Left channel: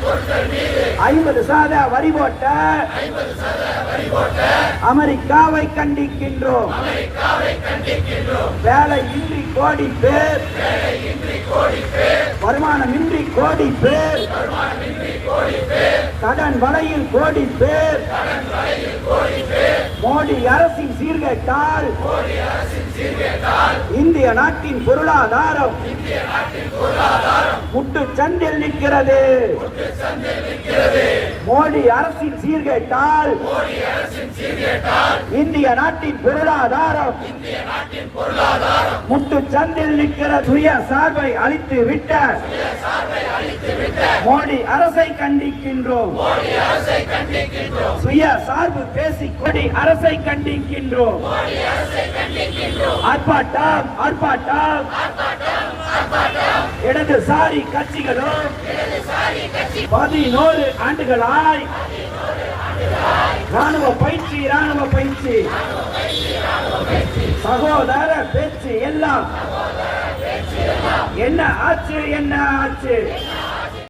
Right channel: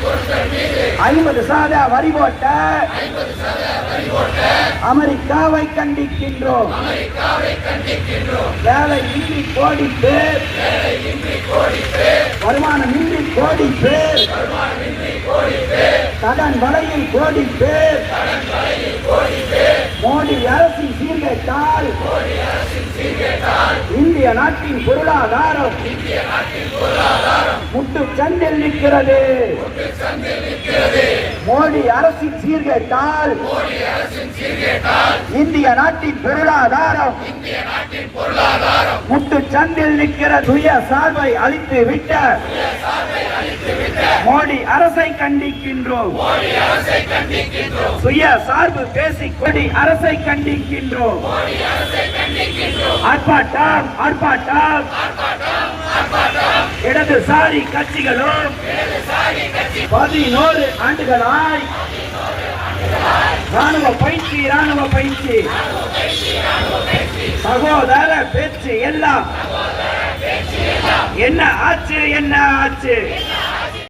ஐம்பது சத வரி போட்ட அமெரிக்காவை கண்டிக்கின்றோம். வேலை இன்றி கோடி பேர். வருமானம் இன்றி கோடி பேர். கடன் வலையில் கோடி பேர். மோடி அரசின் சீர்கேட்டால். இந்திய நாட்டின் பொருளாதாரம். முட்டு சந்தில் நிற்கிறது. மோடி அரசின் சீர்கேட்டால் இந்திய நாட்டின் பொருளாதாரம் முட்டு சந்தில் நிற்கிற சுய சார்பை அழித்து விட்ட மோடி அரசை கண்டிக்கின்றோம். சுய சார்பு பேசி கொடி அரசை கண்டிக்கின்றோம். ஆர்ப்பாட்டம் ஆர்ப்பாட்டம். இடதுசாரி கட்சிகளும் பதினோரு ஆண்டுகளாய் ராணுவ பயிற்சி ராணுவ பயிற்சி. சகோதர பேச்சு எல்லாம். என்ன ஆச்சு என்ன ஆச்சு?